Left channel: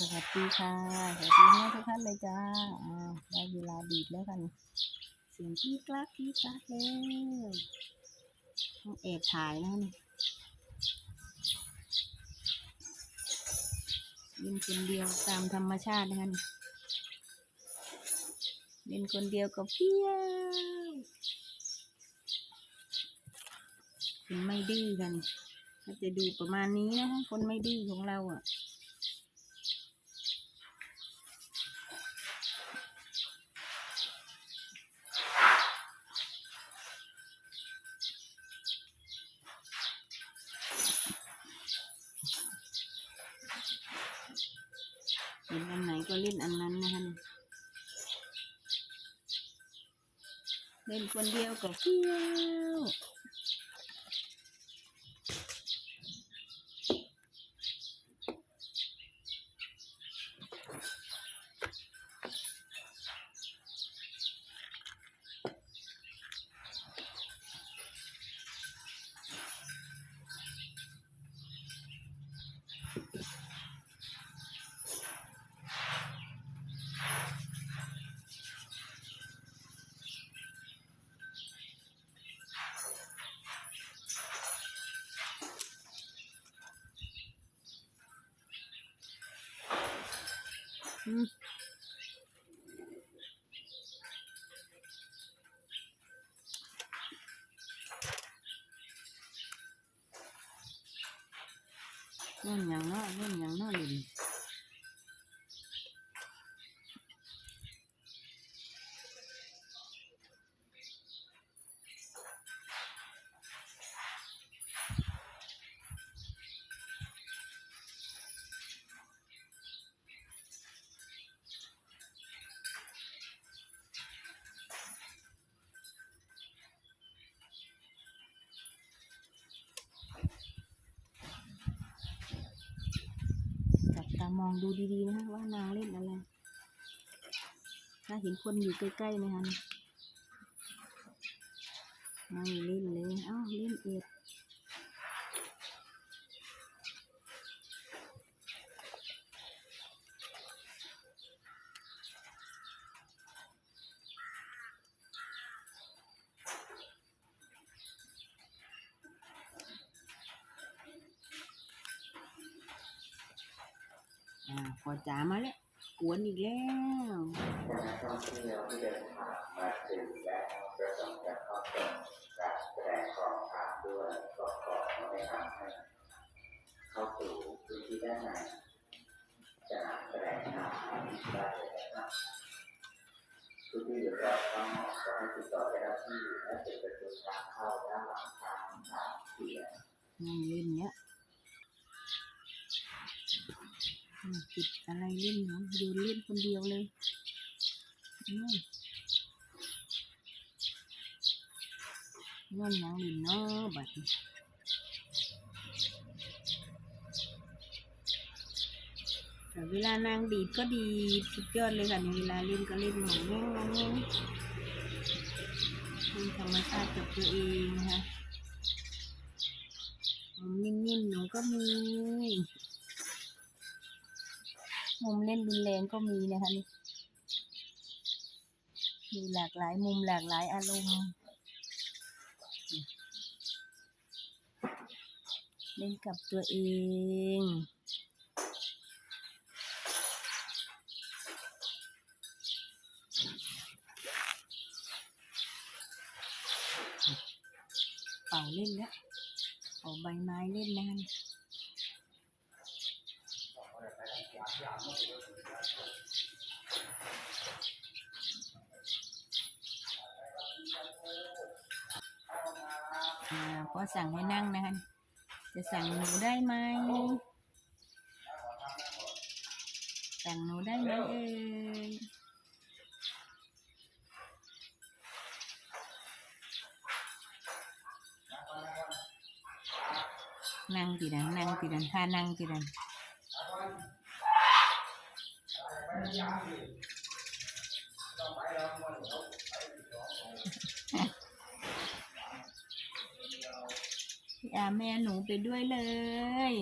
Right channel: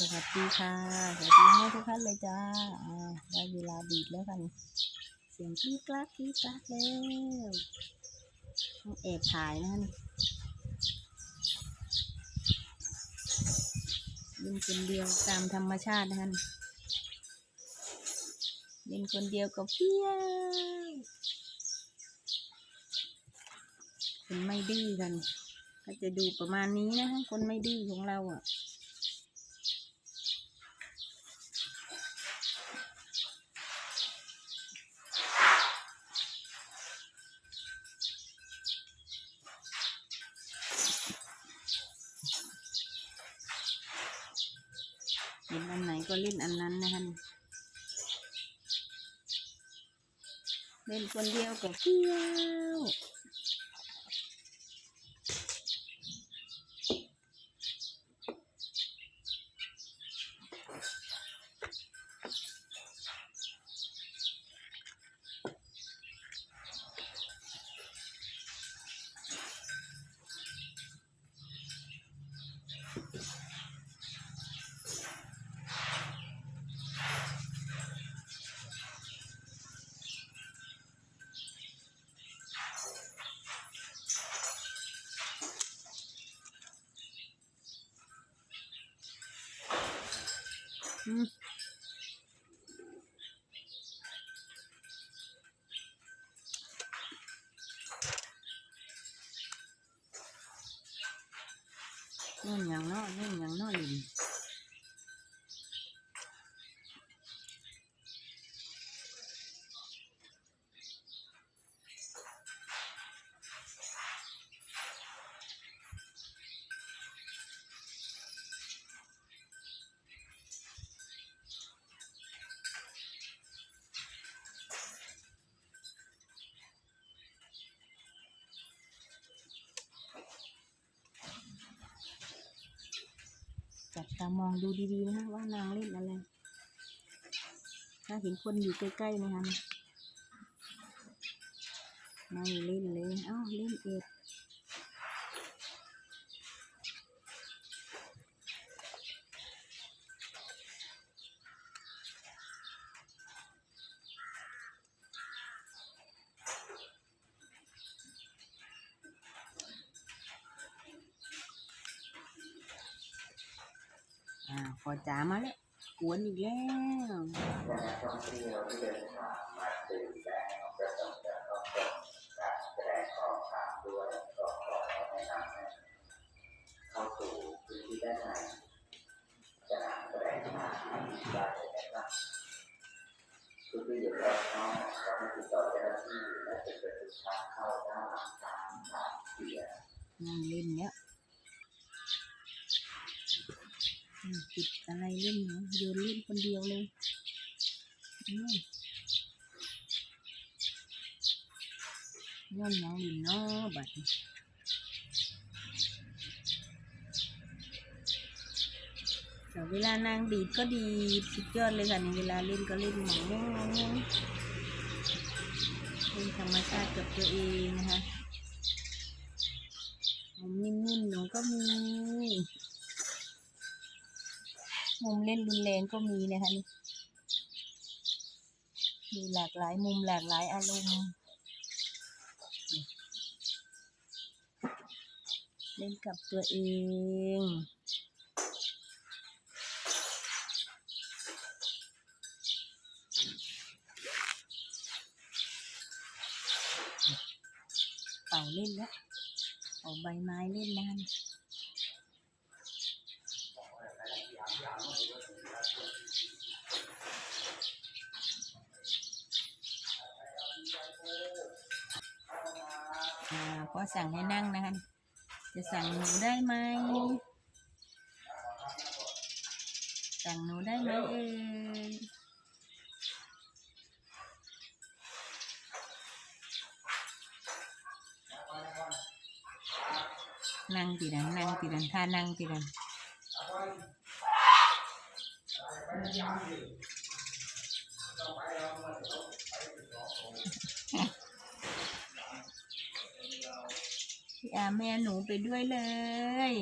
สวัสดีค่ะ สวัสดีแม่ทุกท่านเลยจ้าอ้าได้เวลาดีดแล้วกัน เสียงกรี๊ดกราดกรี๊ดกราดแล้วต้องแอบถ่ายนะนี่เล่นคนเดียวตามธรรมชาตินะคะนี่เล่นคนเดียวก็เพี้ยคนไม่ดื้อกันก็จะดูประมาณนี้นะคะคนไม่ดื้อของเราอะ เห็นอันไหนก็เล่นอันนั้นนะคะเล่นคนเดียวก็เที่ยว Mm-hmm. ตามองดูดีๆนะคะว่านางเล่นอะไรถ้าเห็นคนอยู่ใกล้ๆนะคะไม่เล่นเลย เอ้าเล่นเอ็ด อจ๋ามาแล้วกวนอีกแล้วกท่องเที่ยวที่เดินทางมาถึงและประสงค์จะเข้าชมการแสดงของภาพด้วยก็ขอแนะนำให้เข้าสู่พื้นที่ด้านในสนามแสดงภาพได้เลยนะครับทุกที่เดือดร้อนต้องขอให้ติดต่อเจ้าหน้าที่และปิดประตูทางเข้าด้านหลังทางทางเสียนั่งเล่นเนี้ยอืมติดอะไรเล่นเนาะโยนเล่นคนเดียวเลยย้อนหยังลินเนาะบัดนี้แต่เวลานางดีดก็ดีดสุดยอดเลยค่ะนี่เวลาเล่นก็เล่นหมองแง่งมองแง่งเล่นธรรมชาติกับตัวเองนะคะนิ่มๆหนูก็มี มุมเล่นรุนแรงก็มีนะคะนี่มีหลากหลายมุมหลากหลายอารมณ์เล่นกับตัวเองเป่าเล่นแล้วเป่าใบไม้เล่นนะนี่ อ่าพอสั่งให้นั่งนะคะ จะสั่งหนูได้ไหม สั่งหนูได้ไหมเอ่ยนั่งตีดันนั่งตีดันท่านั่งตีดันี่อาแม่หนูไปด้วยเลย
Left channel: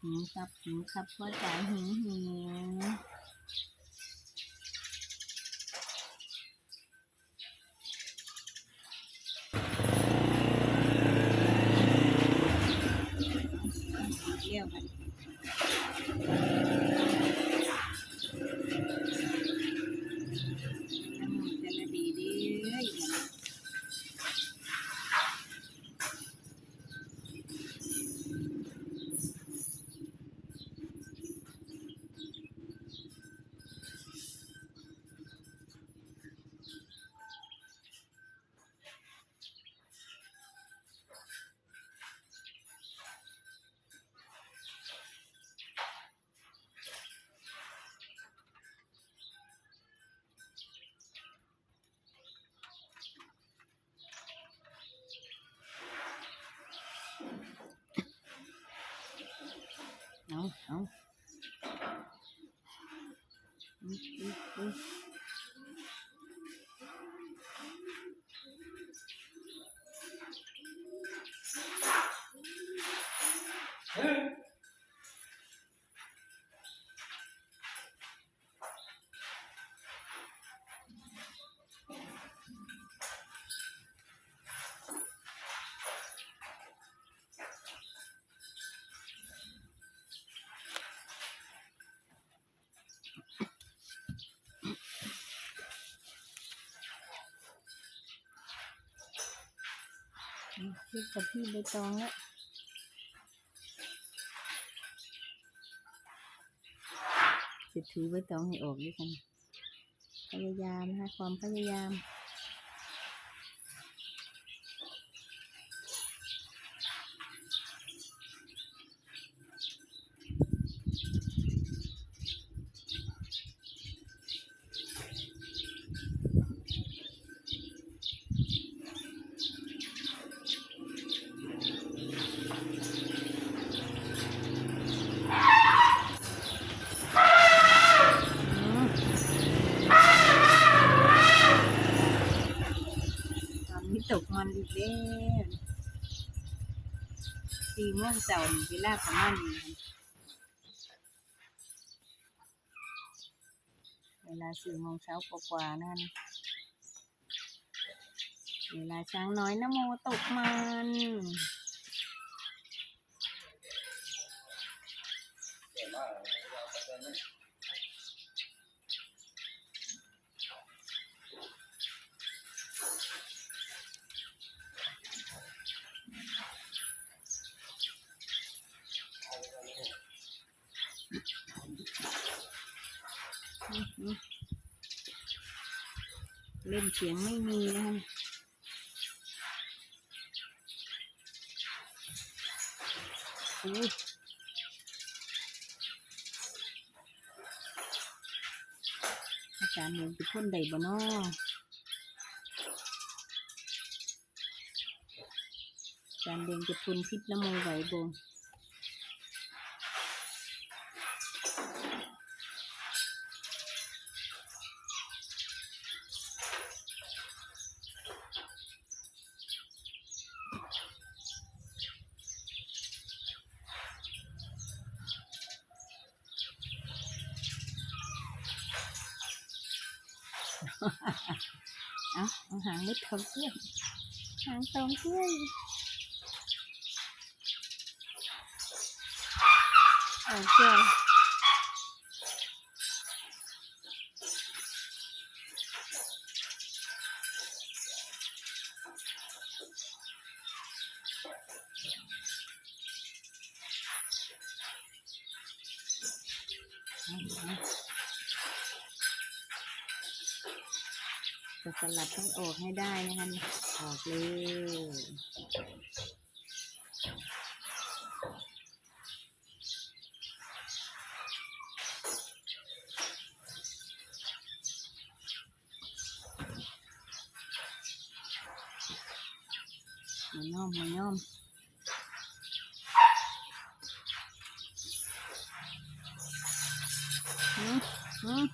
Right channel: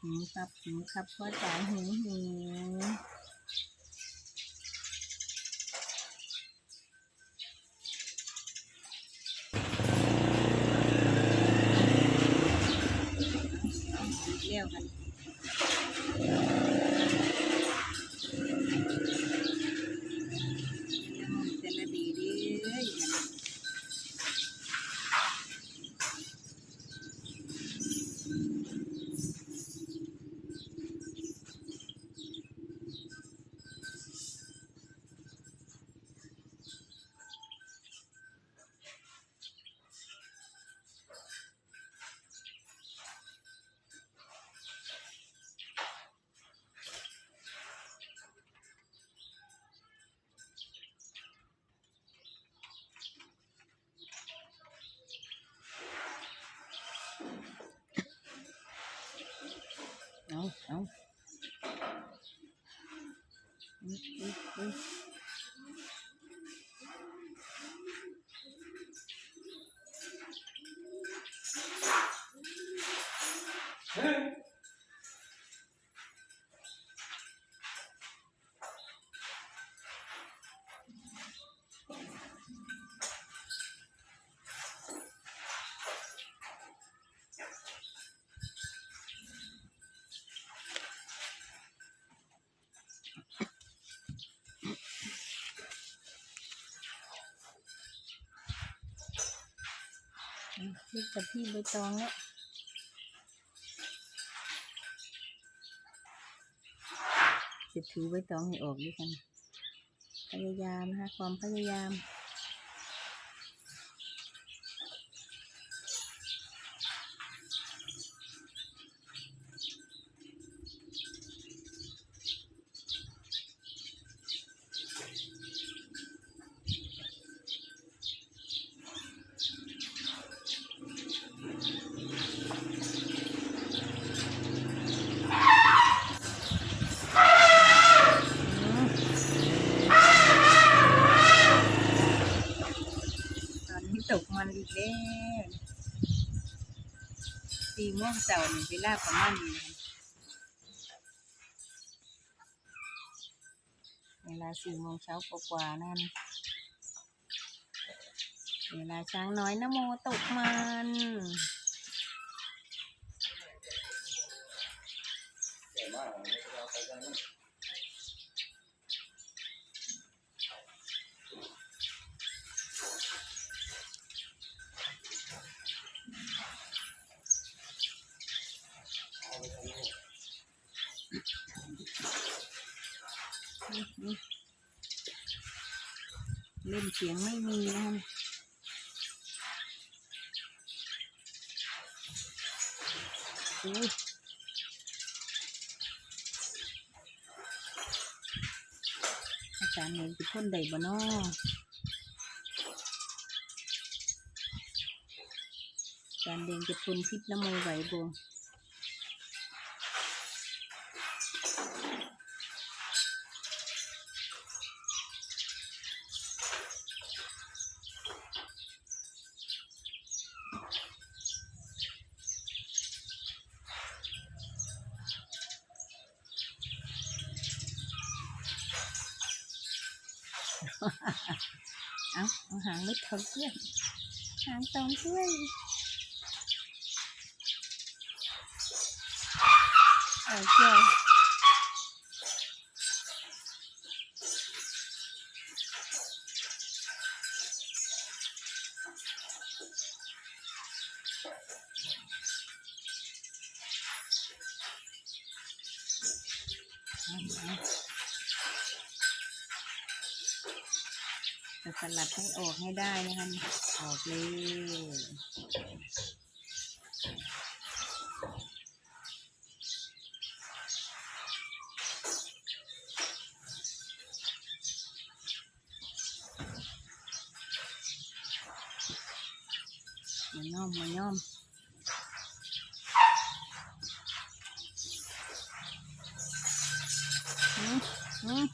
หิวครับหิวครับพ่อจ๋าหิวหิว เอา เอาอุ๊ยอุ๊ยอุ๊ยพี่กับพี่ใบตองแล้วจะถูใบตองให้ออกด้วยกัน พยายามนะคะความพยายาม ตอนนี้ตกมันอีกแล้ว สี่โมงเช้านี่เวลาประมาณนี้เวลาสี่โมงเช้ากว่าๆนั่น เวลาช้างน้อยนโมตกมัน เล่นเสียงไม่มีนะอุ้อาจารย์เห็นเป็นคนใดบ่นออาจารย์เดงจะทนพิษน้ำมูไหวบ่ เอาเอาหางไม่เท่าเพื่อนหางตรงเพื่อนโอเคเอาเอา จะสลัดให้ออกให้ได้นะคะออกเลยมาย่อมมาย่อมอืมอืม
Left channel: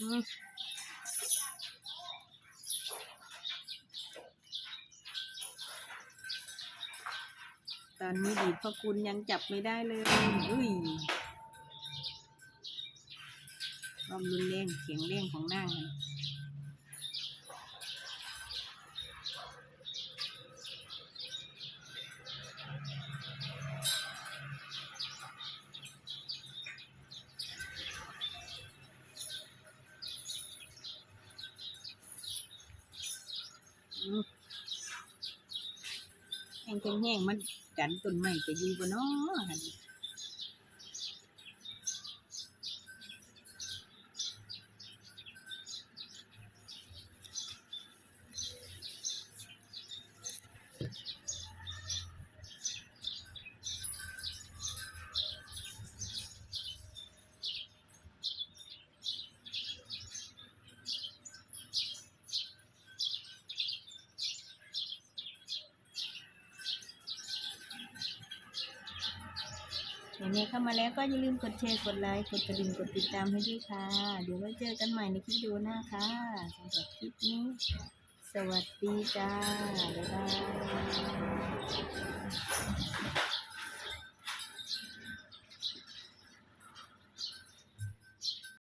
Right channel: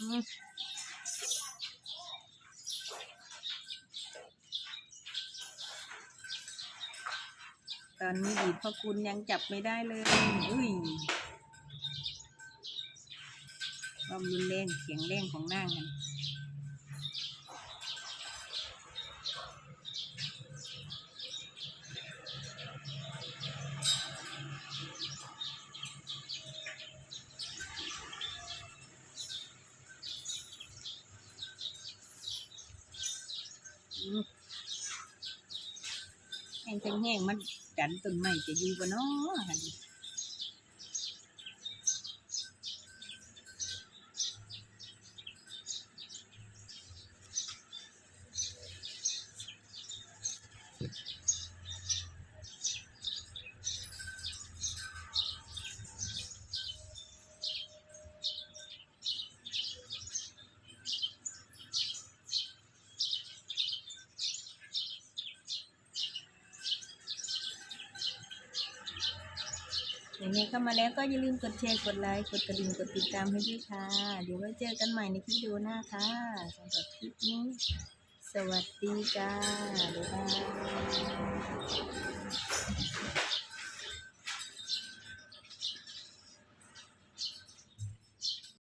อ ม ตอนนี้ดีดพ่อคุณยังจับไม่ได้เลยอุ้ยความรุนแรงเสียงแรงของนางกันอืม แห้งแห้งมันดันต้นไม้จะอยู่บ่เนาะ หั่นอย่างนี้เข้ามาแล้วก็อย่าลืมกดแชร์กดไลค์กดกระดิ่งกดติดตามให้ด้วยค่ะ เดี๋ยวไว้เจอกันใหม่ในคลิปดูหน้าค่ะสำหรับคลิปนี้ สวัสดีจ้าบ๊ายบาย